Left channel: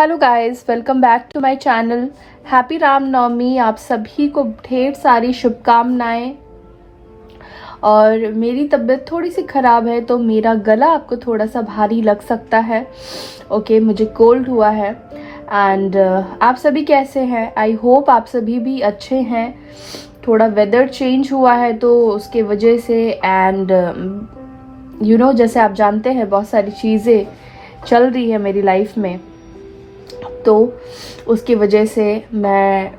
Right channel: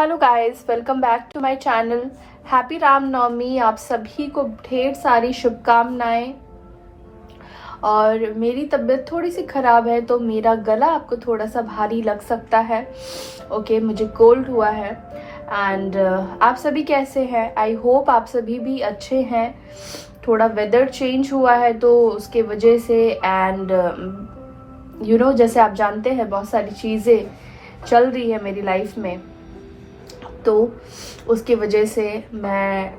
Hello guys, welcome back to my channel. Happy Ramnavami. आप सभी को ढेर सारी शुभकामनाएं। और मेरी तबीयत थोड़ी सी ख़राब है तो मेरा गला आपको थोड़ा सा भारी लग सकता है। ओके, मुझे कोल्ड हुआ है। एंड आप सभी कैसे हैं? आई होप आप सभी भी अच्छे हैं। थोड़ा वेदर चेंज हुआ है तो उसके वजह से एंड जैसे आप जानते हैं बहुत सारी चीज़ें चल रही है मेरी लाइफ में, तो उसकी वजह से मैं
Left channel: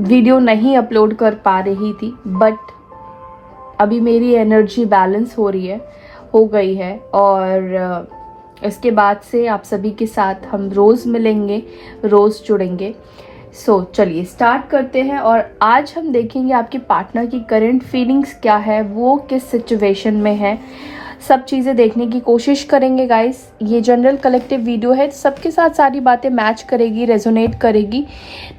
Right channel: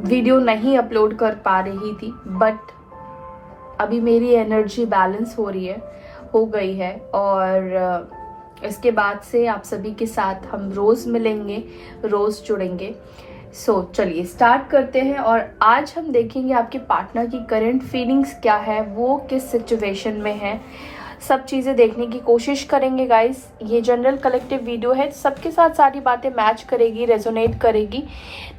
वीडियो नहीं अपलोड कर पा रही थी। बट अभी मेरी एनर्जी बैलेंस हो गई है और इसके बाद से आप सभी के साथ हम रोज़ मिलेंगे, रोज़ जुड़ेंगे। चलिए स्टार्ट करते हैं। और आज हम देखेंगे आपके पार्टनर की करंट फीलिंग्स क्या है, वो किस सिचुएशन में है, सब चीज़ें देखने की कोशिश करेंगे गाइस। ये जनरल कलेक्टिव वीडियो है, सबके साथ सारी बातें मैच करेगी, रेजोनेट करेगी।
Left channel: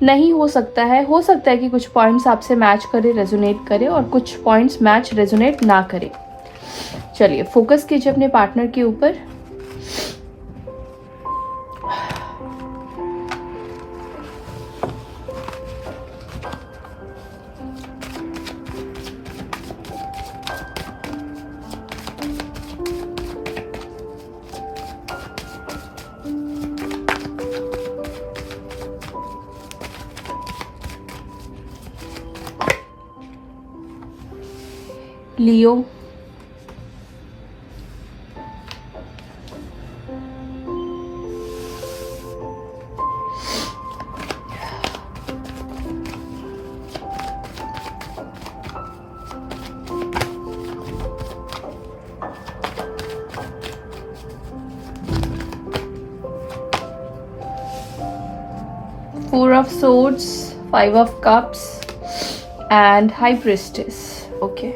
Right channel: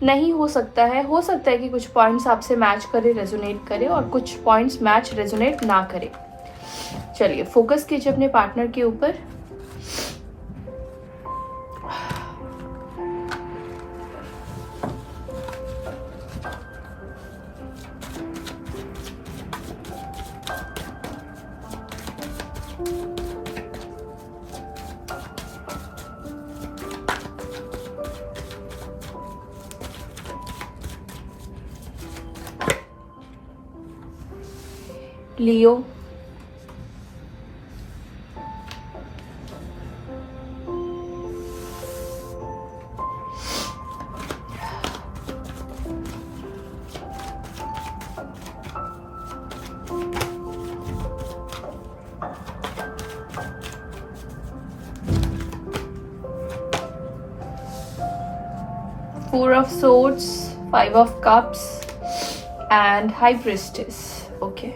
नहीं हो सकता है कि कुछ पॉइंट्स आपसे मैच करे, रेजोनेट करे, और कुछ पॉइंट्स मैच रेजोनेट ना करे। चलिए फोकस कीजिए अपने पार्टनर के ऊपर। लियो, 4 of Swords, 5 of Cups and High Priestess. Okay.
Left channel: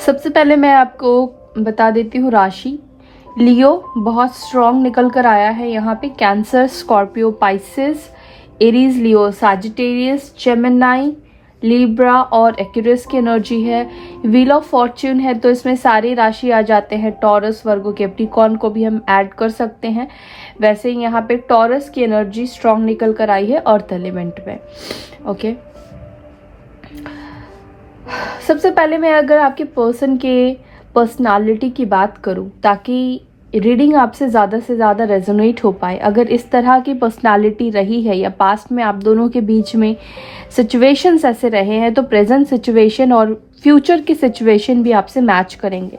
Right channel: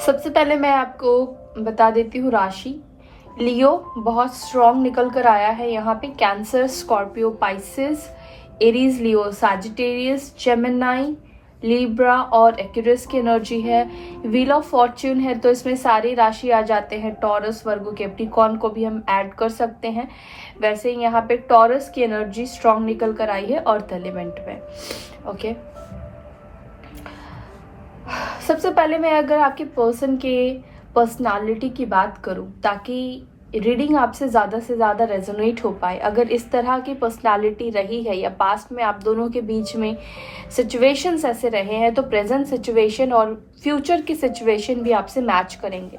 सबसे पहले मैं आपको बता देती हूँ राशि। लियो बहुत स्ट्रॉन्ग निकल कर आया है यहाँ पे। कैंसर, स्कॉर्पियो, पाइसेस, एरीज, लियो, सैजिटेरियस, जेमिनी, लिब्रा और एक्यूरियस की एनर्जी है। व्हील ऑफ फॉर्च्यून है तो इसमें सारे राशि आ जाते हैं। टॉरस, वर्गो, कैप्रिकॉर्न को भी हम ऐड कर सकते हैं। वैसे ही यहाँ पे टॉरस की एनर्जी स्ट्रॉन्ग निकल कर आई है अर्थ एलिमेंट में। ओके, सबसे पहले मैं अगर आपके पर्सन के पर्सनालिटी की बात करूं ताकि रीडिंग आपसे ज़्यादा से ज़्यादा रेजोनेट हो पाए, अगर इस तरह की पर्सनालिटी रही है या पास्ट में आप दोनों के बीच में सिचुएशंस ऐसे रहे हैं तो प्रेजेंट सिचुएशन और फ्यूचर की सिचुएशन भी आपसे मैच करेंगे।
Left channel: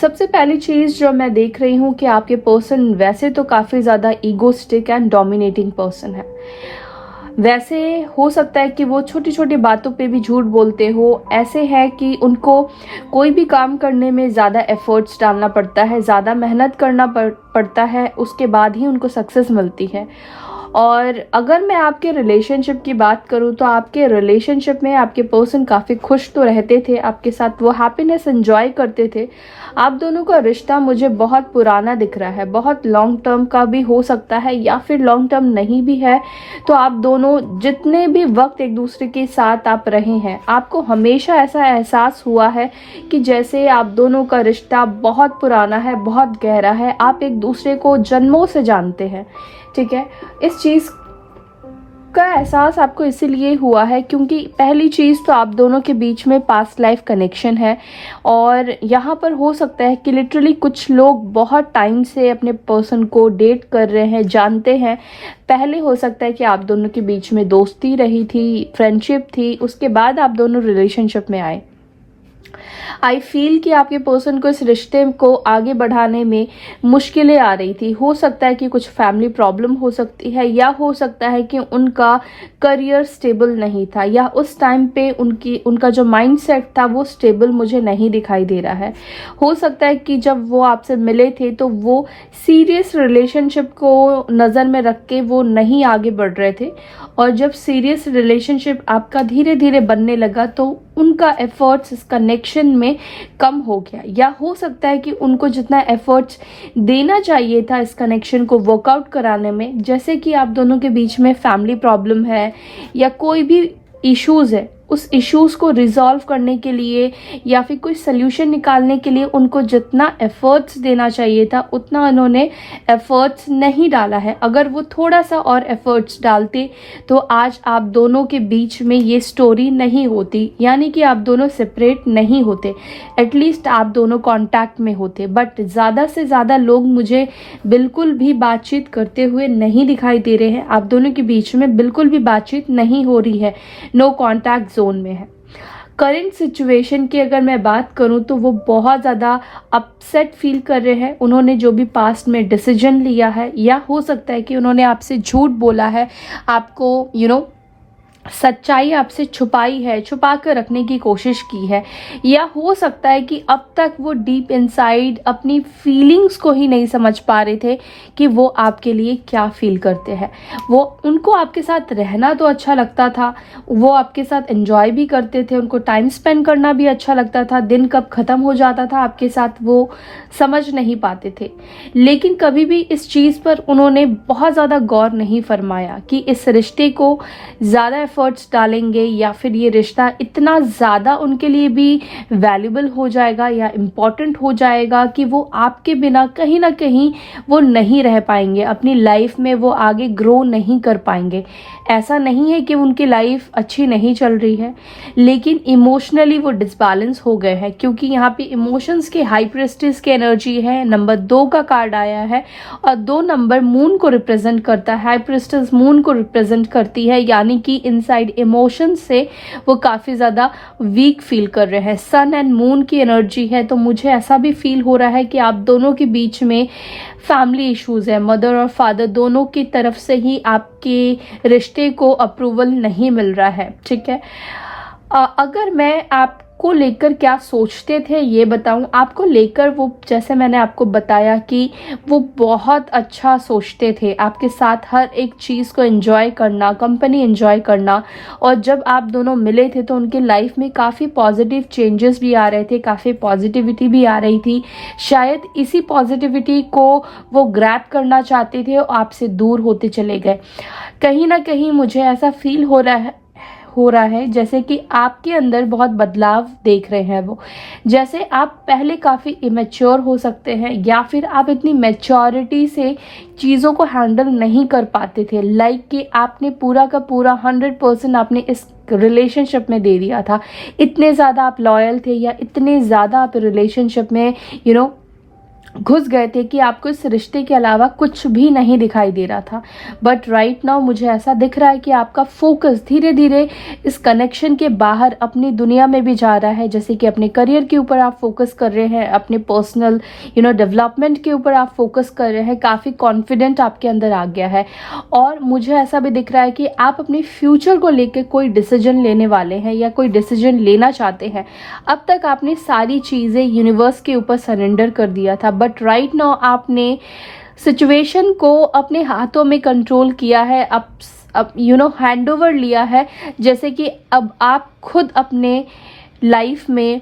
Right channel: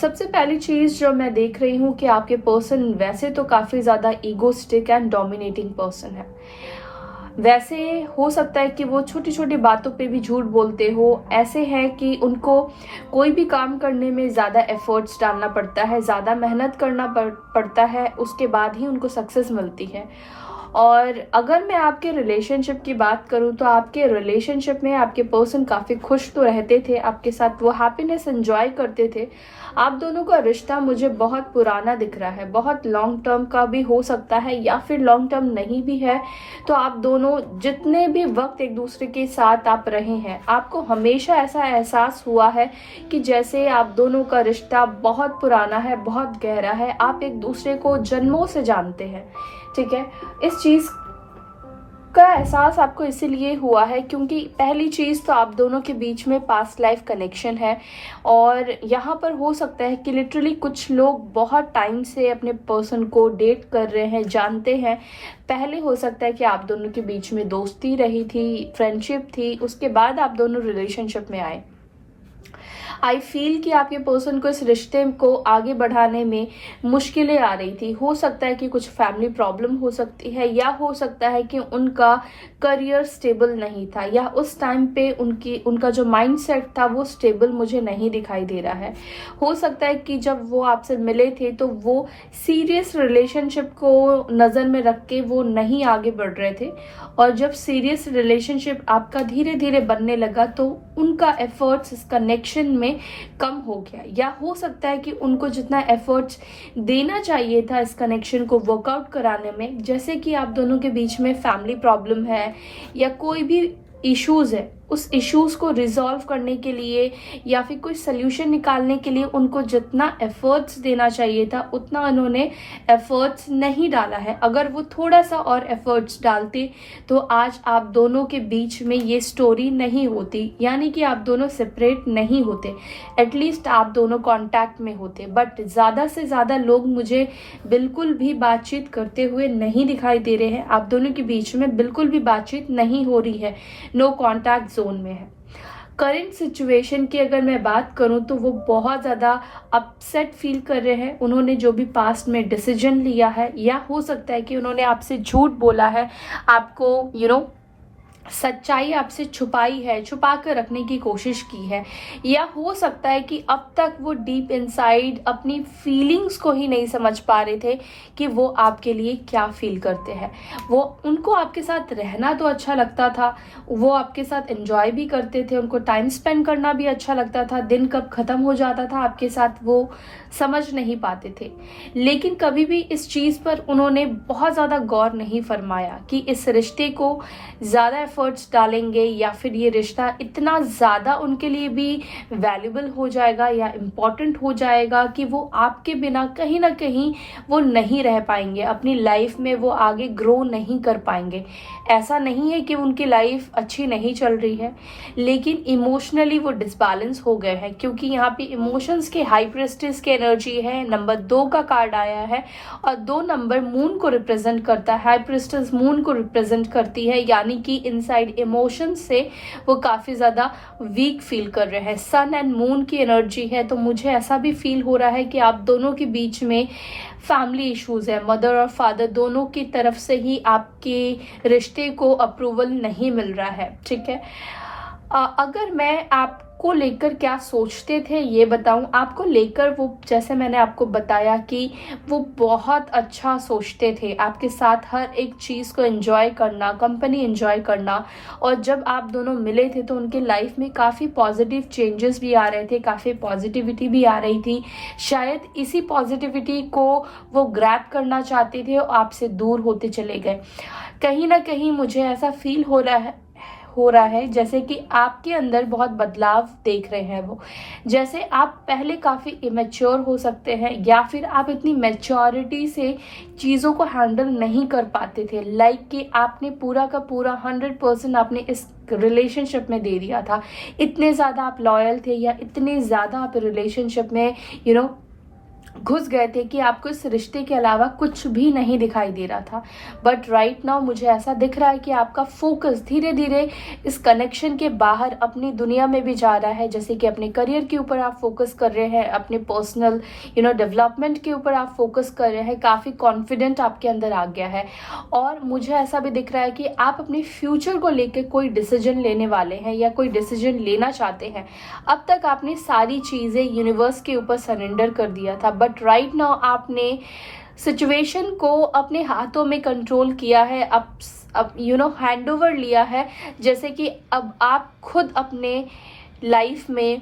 सबसे पहली चीज़ जो मैं देख रही हूँ कि आपके पर्सन वैसे तो काफ़ी ज़्यादा ईगोस्टिक एंड डोमिनेटिंग पर्सन है। वैसे हो सकता है कि वो छोटी छोटी बातों पे भी झूठ बोलते हो। ऐसे है कि उनको कोई भी काम करने में ज़्यादा एफर्ट्स डालना पड़ता है, ज़्यादा मेहनत करना पड़ता है, उसके बाद ही उनको सक्सेस मिलती है। और अगर मैं आपके रिलेशनशिप की बात करूं तो आपके रिलेशनशिप में आपके पर्सन काफ़ी खुश तो रहते थे, आपके साथ वो हैप्पीनेस एंजॉय करते थे। आप दोनों का रिश्ता मुझे बहुत पुराना दिख रहा है, बहुत लॉन्ग टर्म का भी हो सकता है या फिर लॉन्ग टर्म नहीं भी है। तो आप दोनों जितने भी वक्त एक दूसरे के साथ आप रहे हैं, आपको हमेशा ऐसा एहसास हुआ है कि जैसे आप दोनों का रिश्ता बहुत पुराना है, बहुत गहरा है, आप एक दूसरे को जन्मों से जानते हैं। ठीक है, इस चीज़ का एहसास आपको इसीलिए हुआ है क्योंकि पहली चीज़ तो आप दोनों के बीच में पास्ट लाइफ कनेक्शन है। और यहाँ पर हो सकता है कि लिटरली कुछ लोग बहुत टाइम से अपने पर्सन को डेट कर रहे हैं, जानते हैं। पहले हो सकता है कि आप दोनों के बीच में दोस्ती रही थी, फ्रेंडशिप थी, उसके बाद आप दोनों रिलेशनशिप में आए। आई फील कि आपके पर्सन को इस रिश्ते को आगे बढ़ाने में मुश्किलें आ रही थी। हो सकता है कि कुछ फैमिली प्रॉब्लम हो सकती है, या हो सकता है कि उनका करियर स्टेबल नहीं था, या उस टाइम पे उनका जो माइंडसेट था वो स्टेबल मुझे नहीं दिखाई दे रहा है। हो सकता है कि जब वो आपसे मिले थे तो वो सीरियस रिलेशनशिप को नज़र में रख के वो नहीं आगे बढ़ रहे थे, और जब सीरियस रिलेशनशिप आपका धीरे धीरे बनने लगा तो उनका एफर्ट्स इस कनेक्शन में कम हो गया। या हो सकता है कि उनको जितना एफर्ट्स देना चाहिए था इस कनेक्शन को वर्कआउट कराने में, जैसे कि आप दोनों के बीच में फैमिली प्रॉब्लम है या कोई भी इश्यूज है, उस इश्यूज को रिजॉल्व करने के लिए या फिर कोई सोल्यूशन निकालने के लिए उनको जितना एफर्ट्स देना चाहिए था उतना उन्होंने एफर्ट्स नहीं डाला है। अगर वो थोड़ा सा और एफर्ट्स डालते तो आज आप दोनों के बीच में ये स्टोरी नहीं होती, यानी कि आप दोनों सेपरेट नहीं होते, एटलीस्ट आप दोनों कांटेक्ट में होते। बट ज़्यादा से ज़्यादा लोग मुझे बिल्कुल भी बातचीत करते हुए नहीं दिखाई दे रहे हैं। आप दोनों के बीच में बिल्कुल भी बातचीत नहीं हो रही है, नो कॉन्टैक्ट जोन में है। करंट सिचुएशन की अगर मैं बात करूं तो वो बहुत ज़्यादा अपसेट फील कर रहे हैं। उन्होंने जो भी पास्ट में डिसीजन लिया है, या हो सकता है कि उन्होंने आपसे झूठ बोला है, आपको सच्चाई आपसे छुपाई है, छुपा कर रखने की कोशिश की है, या हो सकता है कि अब तक वो डीप इनसाइड अपनी फीलिंग्स को ही नहीं समझ पा रहे थे कि वो आपके लिए क्या फील करते हैं। वो उनको आपके साथ रहना तो अच्छा लगता था, वो आपके साथ एंजॉय भी करते थे, उनको टाइम स्पेंड करना भी अच्छा लगता था, दिन कब ख़त्म हो जाता था आपके साथ वो समझ नहीं पाते थे। लेकिन कभी भी इस चीज़ पर उन्होंने बहुत ज़्यादा गौर नहीं फरमाया कि इस रिश्ते को ज़्यादा एफर्ट्स डालेंगे या फिर ये रिश्ता इतना ज़्यादा उनके लिए भी वैल्यूबल हो जाएगा या इम्पॉर्टेंट हो जाएगा कि वो आपके बिना कहीं ना कहीं वो नहीं रह पाएंगे, अपनी लाइफ में वो आगे ग्रो नहीं कर पाएंगे। ऐसा नहीं है कि उनकी लाइफ अच्छी नहीं चल रही है, लेकिन इमोशनली वो डिसबैलेंस हो गए हैं, क्योंकि यहाँ पे इमोशंस के हाई प्रेस्टिज की एनर्जी है। नंबर 2 का कार्ड आया है, और 2 नंबर मून को रिप्रेजेंट करता है। हाई प्रेस्टिज मून को रिप्रेजेंट करती है, यानी कि इनसाइड इमोशंस से वो काफ़ी ज़्यादा वीक फील कर रहे हैं। सन एंड मून की एनर्जी है, तो मुझे ऐसा भी फील हो रहा है कि आप दोनों के बीच में फैमिली इश्यूज है। मदर और फादर दोनों की तरफ से ही आपके रिश्ते को अप्रूवल नहीं मिल रहा है। ठीक है, अगर मैं आपको लेकर क्या सोचते थे ये बताऊं, आपको लेकर वो, जैसे मैंने आपको बताया कि वो बहुत अच्छा सोचते थे, आपके साथ हर एक चीज़ को एंजॉय करना, कंपनी एंजॉय करना, और जब आप दोनों मिले थे तो उनके लाइफ में काफ़ी पॉजिटिव चेंजेस भी आ रहे थे, काफ़ी पॉजिटिविटी भी आ रही थी। शायद इसी पॉजिटिविटी को वो ग्रैब करना चाहते थे और आपसे दूर होते चले गए। कहीं ना कहीं मुझे ऐसा फील हो रहा है जैसे कि आपके अंदर बहुत बदलाव देख रहे हैं वो। जैसे आप पहले काफ़ी इमेच्योर हो सकते हैं, या फिर आप इतनी मैच्योरिटी से चीज़ों को हैंडल नहीं कर पाते थे। लाइक कि आपने पूरा का पूरा 100% आपने इस रिलेशनशिप में दे दिया था। इतने ज़्यादा आप लॉयल थे, या इतने ज़्यादा आप रिलेशनशिप में घुस गए थे कि आपको इस रिश्ते के अलावा कुछ भी नहीं दिखाई दे रहा था। बट राइट नाउ मुझे ऐसा दिख रहा है कि आपका फोकस धीरे धीरे इस कनेक्शन के बाहर अपनी दुनिया में भी जा रहा है। जैसे कि अपने करियर के ऊपर आप फोकस कर रहे हैं, अपने पर्सनल डेवलपमेंट के ऊपर आप फोकस कर रहे हैं, काफ़ी कॉन्फिडेंट आपके अंदर आ गया है। और मुझे ऐसा भी दिख रहा है कि आप अपने फ्यूचर को लेकर कोई डिसीजन लेने वाले हैं या कोई डिसीजन लेना चाहते हैं। अब तक आपने सारी चीज़ें यूनिवर्स के ऊपर सरेंडर कर दिया था, बट राइट नाउ आपने सिचुएशन को अपने हाथों में कंट्रोल किया है, अब हैंड ओवर लिया है। जैसे कि अब आप खुद अपने लाइफ में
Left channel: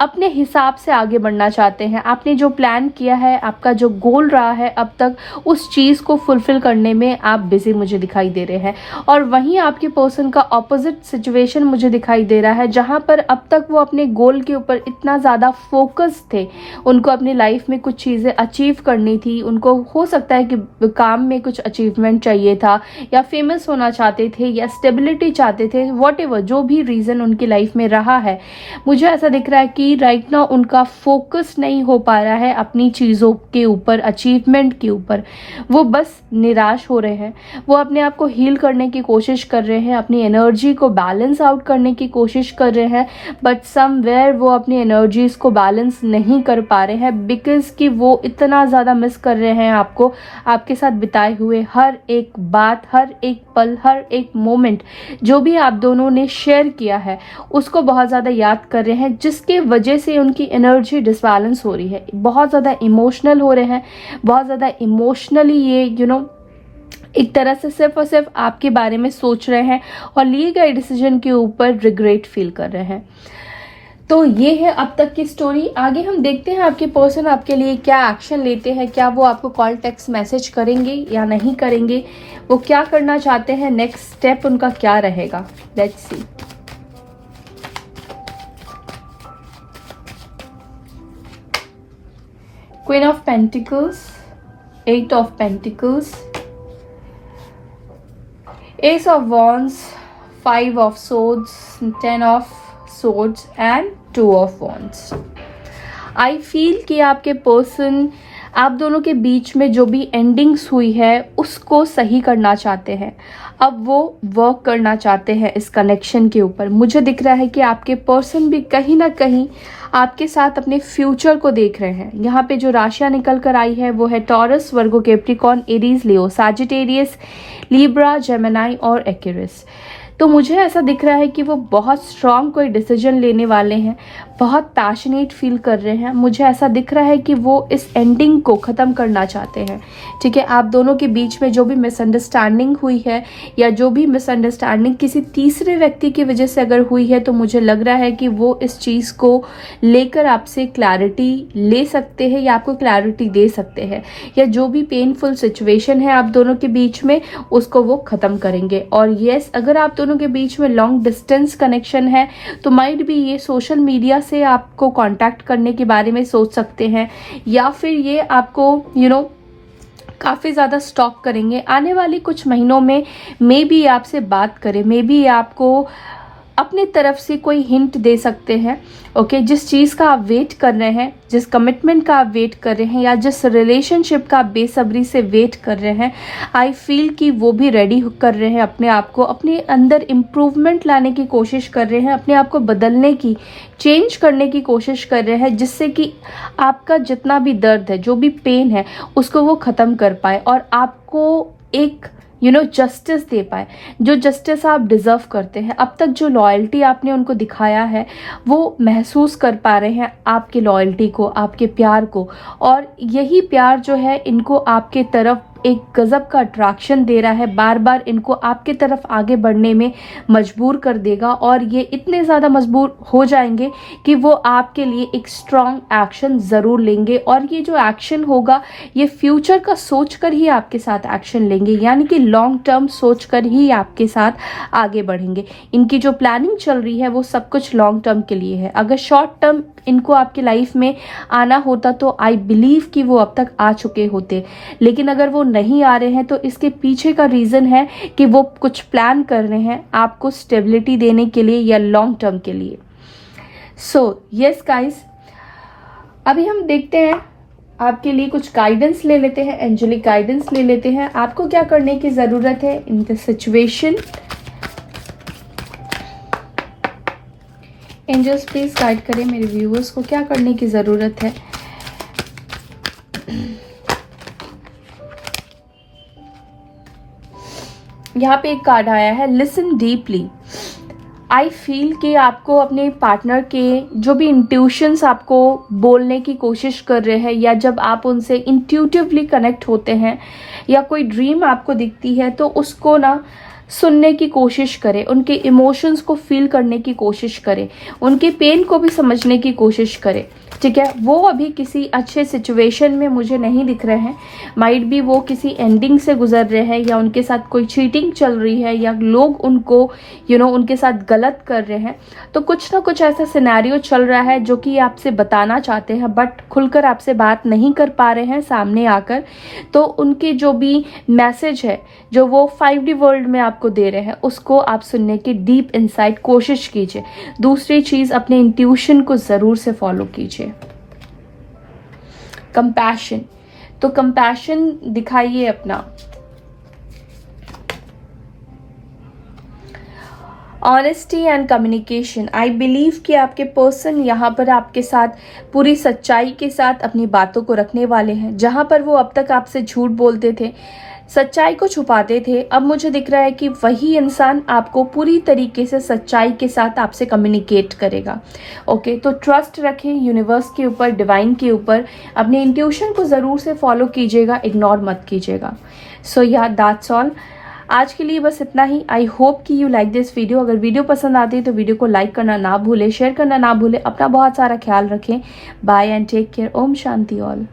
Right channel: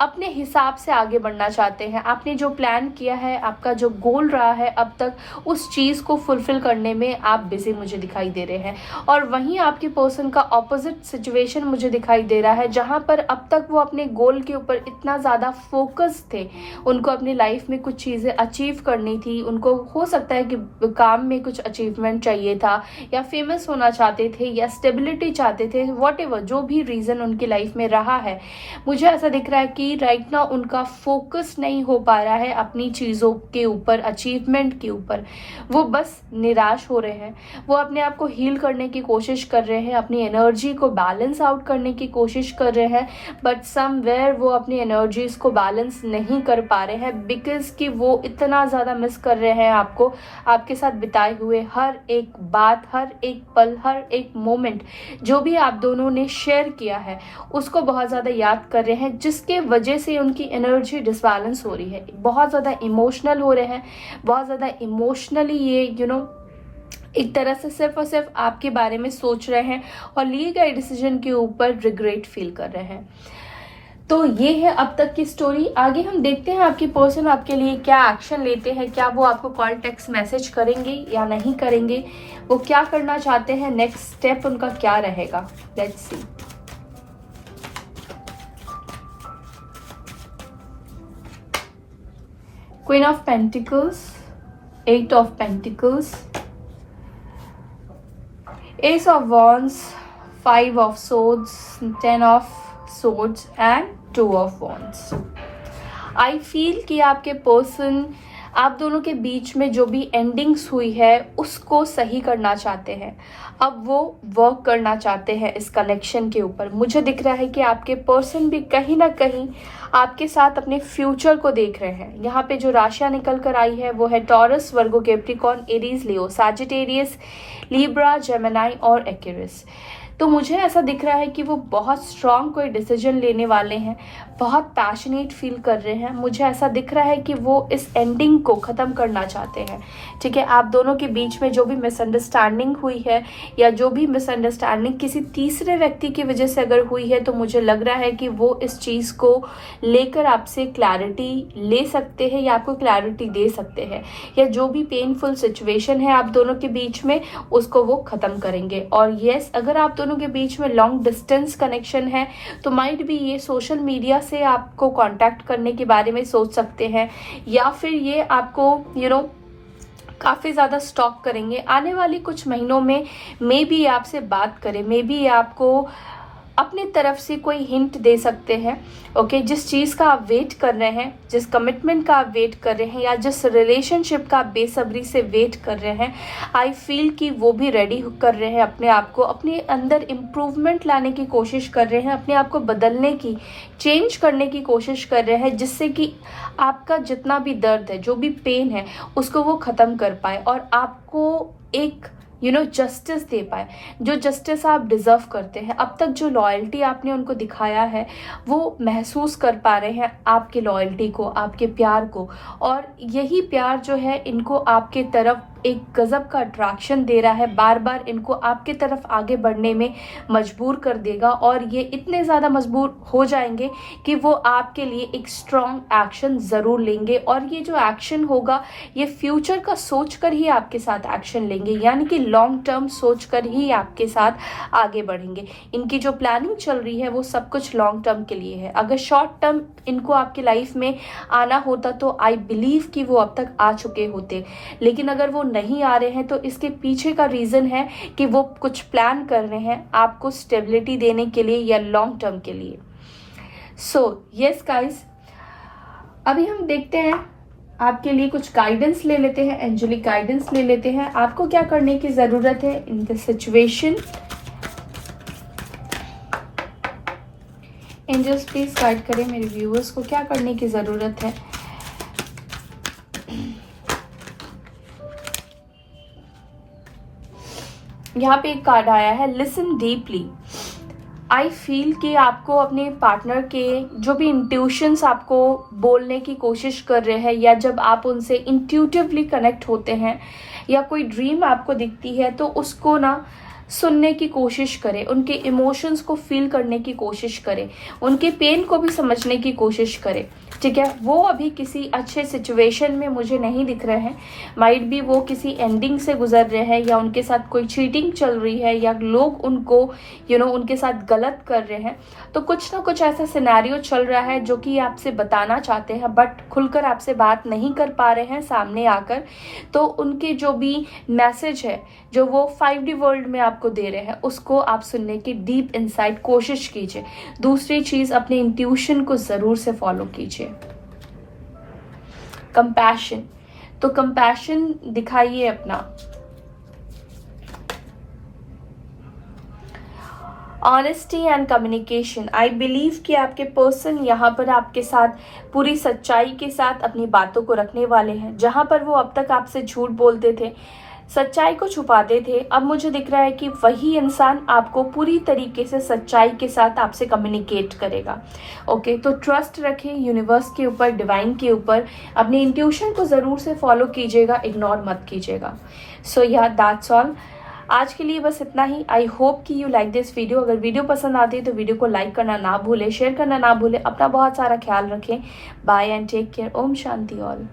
अपने हिसाब से आगे बढ़ना चाहते हैं। आपने जो प्लान किया है, आपका जो गोल रहा है अब तक, उस चीज़ को फुलफिल करने में आप बिजी मुझे दिखाई दे रहे हैं। और वहीं आपके पर्सन का ऑपोजिट सिचुएशन मुझे दिखाई दे रहा है, जहां पर अब तक वो अपने गोल के ऊपर इतना ज़्यादा फोकस थे। उनको अपनी लाइफ में कुछ चीज़ें अचीव करनी थी, उनको हो सकता है कि काम में कुछ अचीवमेंट चाहिए था, या फेमस होना चाहते थे, या स्टेबिलिटी चाहते थे, वॉट एवर जो भी रीज़न उनकी लाइफ में रहा है। मुझे ऐसा दिख दिख रहा है कि राइट नाउ उनका फोकस नहीं हो पा रहा है अपनी चीज़ों के ऊपर, अचीवमेंट के ऊपर। वो बस निराश हो रहे हैं, वो अपने आप को हील करने की कोशिश कर रहे हैं, अपनी एनर्जी को बैलेंस आउट करने की कोशिश कर रहे हैं, बट समवेयर वो अपनी एनर्जीज को बैलेंस नहीं कर पा रहे हैं, बिकॉज कि वो इतना ज़्यादा मिस कर रहे हैं आपको, आपके साथ बिताए हुए हर एक बात, हर एक पल, हर एक मोमेंट जो भी आप दोनों ने शेयर किया है उसको बहुत ज़्यादा याद कर रहे हैं, जिसके वजह से उनकी एनर्जी डिसबैलेंस हो रही है। बहुत ज़्यादा इमोशनल हो रहे हैं, बहुत ज़्यादा इमोशनली ये एक तरह से सिर्फ और सिर्फ आपके बारे में सोच रहे हैं और लिए गए डिसीजन के ऊपर रिग्रेट फील कर रहे हैं। तो ये है अब तक की स्टोरी। आगे हम देखते हैं आपके पर्सन आपके लिए क्या एक्शन लेते हैं, क्या वो आपको कॉल, टेक्स्ट, मैसेज करेंगे या नहीं करेंगे, वो क्या करना चाहते हैं, नेक्स्ट स्टेप उनका क्या रहेगा। Let's see. Queen of pentacles, 8 of pentacles, Ace of Wands, 5 of Swords, 10 of Swords and 2 of Wands. I feel कि आपके पर्सन आप दोनों के बीच में जो भी एंडिंग्स हुई है उसको सही करना चाहते हैं। अब वो वर्क करना चाहते हैं इस कनेक्शन के ऊपर। मुझे दिख रहा है कि आपके पर्सन भी कहीं ना कहीं आपके साथ अपने फ्यूचर को देख रहे हैं। यहाँ पे जो राशियां निकल कर आई है वो है टॉरस, वर्गो, कैप्रिकॉर्न, एरीज, लियो, सैजिटेरियस, लिब्रा, जेमिनी और एक्वेरियस। तो मुझे ऐसा दिख रहा है कि वो बहुत स्ट्रांग कोई डिसीजन लेने वाले हैं, बहुत पैशनेट फील कर रहे हैं। मुझे ऐसा दिख रहा है कि वो इस एंडिंग को ख़त्म करना चाहते हैं। ठीक है, आप दोनों के बीच में जो भी मिसअंडरस्टैंडिंग हुई है या जो भी मिसअंडरस्टैंडिंग किसी तीसरे व्यक्ति की वजह से अगर हुई है, तो मुझे लग रहा है कि वो इस चीज़ को लेकर आपसे क्लैरिटी ले सकते हैं या आपको क्लैरिटी दे सकते हैं, या जो भी पेनफुल सिचुएशन है आप दोनों के बीच में उसको वो ख़त्म करेंगे। और येस, अगर आप दोनों के बीच में लॉन्ग डिस्टेंस कनेक्शन है तो माइट भी ये सोशल मीडिया से आपको कांटेक्ट करने के बारे में सोच सकते हैं, या फिर ये आपको काफ़ी ज़्यादा स्टॉक करेंगे। आने वाले कुछ महीनों में मे बी आपसे बात करें, मे बी आपको अपनी तरफ से कोई हिंट दे सकते हैं। ओके, जिस चीज़ का आप वेट कर रहे हैं, जिस कमिटमेंट का आप वेट कर रहे हैं, या जिस रिलेशनशिप का आप बेसब्री से वेट कर रहे हैं, आई फील कि वो भी रेडी कर रहे हैं अपने आप को, अपने अंदर इम्प्रूवमेंट लाने की कोशिश कर रहे हैं, अपने आप को बदलने की, चेंज करने की कोशिश कर रहे हैं, जिससे कि आपका जितना भी दर्द है, जो भी पेन है, उसको वो ख़त्म कर पाए और आपको एक जस्टिस दे पाए, जो जस्टिस आप डिजर्व करते हैं। अब तक जो लॉयल्टी आपने उनको दिखाया है वो महसूस कर पा रहे हैं आपकी लॉयल्टी को, आपके प्यार को, और यही प्यार जो है इनको आपके तरफ एक गजब का अट्रैक्शन दे रहा है, बार बार इनको आपके तरफ आगे बढ़ने में मजबूर कर देगा। और ये इतने ज़्यादा मजबूर हो जाएंगे कि वो आपके लिए एक स्ट्रॉन्ग एक्शन ज़रूर लेंगे, और ये जो एक्शन होगा ये फ्यूचर का सोच कर ही आपके साथ एक्शन लेंगे, यानी कि लॉन्ग टर्म सोच कर ही आपके साथ आगे बढ़ेंगे। इनकी जो प्लानिंग चल रही है वो सब कुछ लॉन्ग टर्म के लिए है। अगर शॉर्ट टर्म इनको आपकी लाइफ में आना होता तो आई बिलीव कि वो अब तक आ चुके होते, लेकिन अगर वो नहीं आ रहे हैं तो इसके पीछे का रीजन है कि वो कुछ प्लान कर रहे हैं आपको स्टेबिलिटी देने के लिए या लॉन्ग टर्म के लिए। सो यस गाइस, अभी हम देखते हैं आपके लिए कुछ गाइडेंस ले लेते हैं, एंजेलिक गाइडेंस ले लेते हैं। आपको क्या करने की जरूरत है in this situation. Angels please guide करें मेरे व्यूअर्स को, क्या करने की जरूरत है। यहाँ पे एक कार्ड आया है, लिसन डीपली। आई फील कि आपको अपने पार्टनर के जो भी इंट्यूशंस आपको बोलने की कोशिश कर रहे हैं, या जब आप उनसे इंट्यूटिवली कनेक्ट होते हैं, या कोई ड्रीम आपको दिखती है तो उसको ना सुनने की कोशिश करें, उनके इमोशंस को फील करने की कोशिश करें, उनके पेन को भी समझने की कोशिश करें। ठीक है, वो अभी किसी अच्छे सिचुएशन में मुझे नहीं दिख रहे हैं। माइट भी वो किसी एंडिंग से गुजर रहे हैं, या उनके साथ कोई चीटिंग चल रही है, या लोग उनको उनके साथ गलत कर रहे हैं। तो कुछ ना कुछ ऐसा सिनेरियो चल रहा है जो कि आपसे बताना चाहते हैं, बट खुलकर आपसे बात नहीं कर पा रहे हैं सामने आकर। तो उनके जो भी मैसेज है जो वो 5D वर्ल्ड में आपको दे रहे हैं, उसको आप सुनने की डीप इनसाइट कोशिश कीजिए। दूसरी चीज, अपने इंट्यूशन को जरूर से फॉलो कीजिए। कंपैशन, तो कंपैशन दिखाइए अपना। Honesty and communication, I believe कि आपके पर्सन यहाँ पर आपके साथ पूरी सच्चाई के साथ अपनी बातों को रखने वाले हैं। जहाँ पर वो अब तक आपसे झूठ बोलते थे, सच्चाई को छुपाते थे, अब मुझे दिख रहा है कि वही इंसान आपको पूरी तरीके से सच्चाई के साथ आपसे कम्युनिकेट करेगा। ओके, तो ट्रस्ट रखें यूनिवर्स के ऊपर, डिवाइन के ऊपर। अपने इंट्यूशन को ज़रूर से फॉलो कीजिएगा, इग्नोर मत कीजिएगा। सो या दैट्स ऑल, आज के लिए बस इतना ही। आई होप कि यू लाइक दिस वीडियो। अगर वीडियो पसंद आती है तो वीडियो को लाइक करना ना भूलें, शेयर करना ना भूलें। अपना बहुत सारा ख्याल रखें। Bye and take care. ओम शांति ऑल।